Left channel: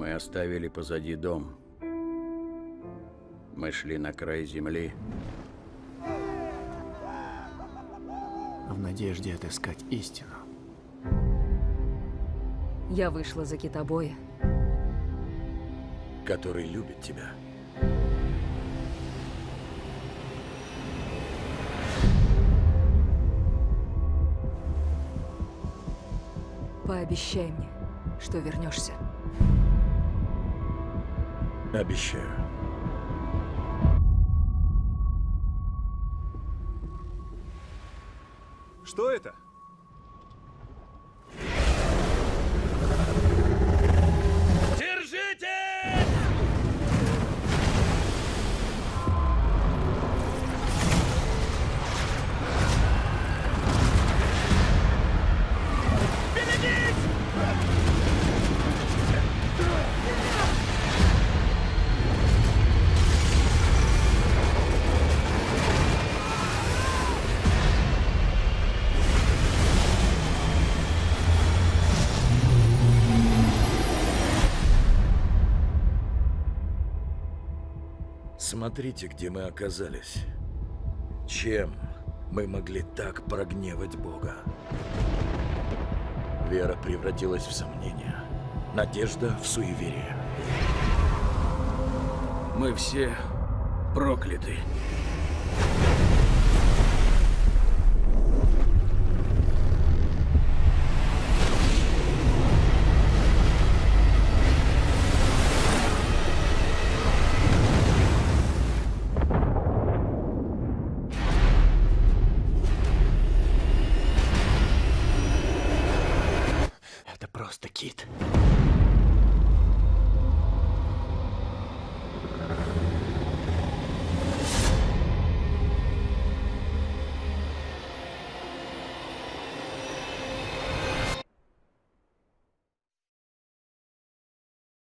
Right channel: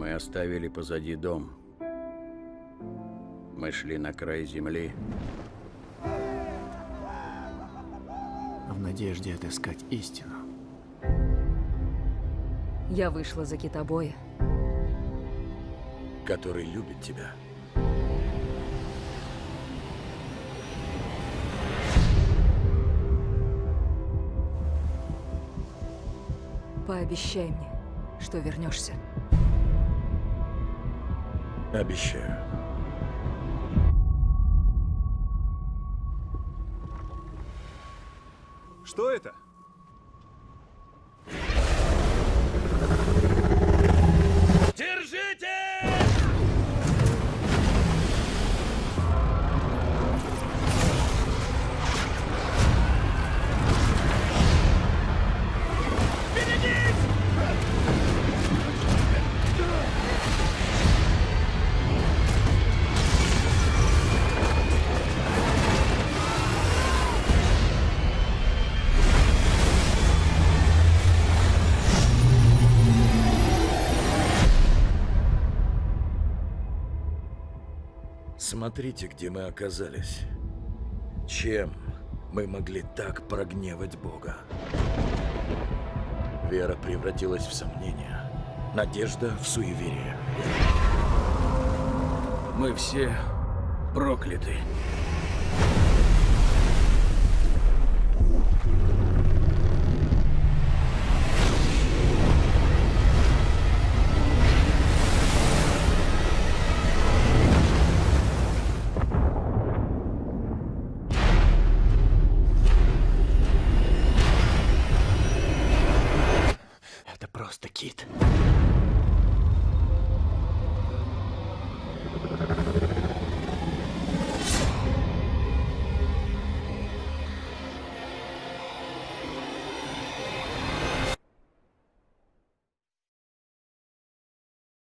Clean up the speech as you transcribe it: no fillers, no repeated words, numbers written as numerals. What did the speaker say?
Мы оставили позади дом. Мы шли на край земли. В надежде отыскать истину. Я вышла за китобоя. Который любит тебя. Пообещай мне, что вернешься. Обещаю. Что это? Держитесь! Берегись! Смотрите, где мы оказались. Чем мы могли так прогневать Бога? Вера превратилась в сомнение, надежда в суеверие. Мы все прокляты. Это просто кит.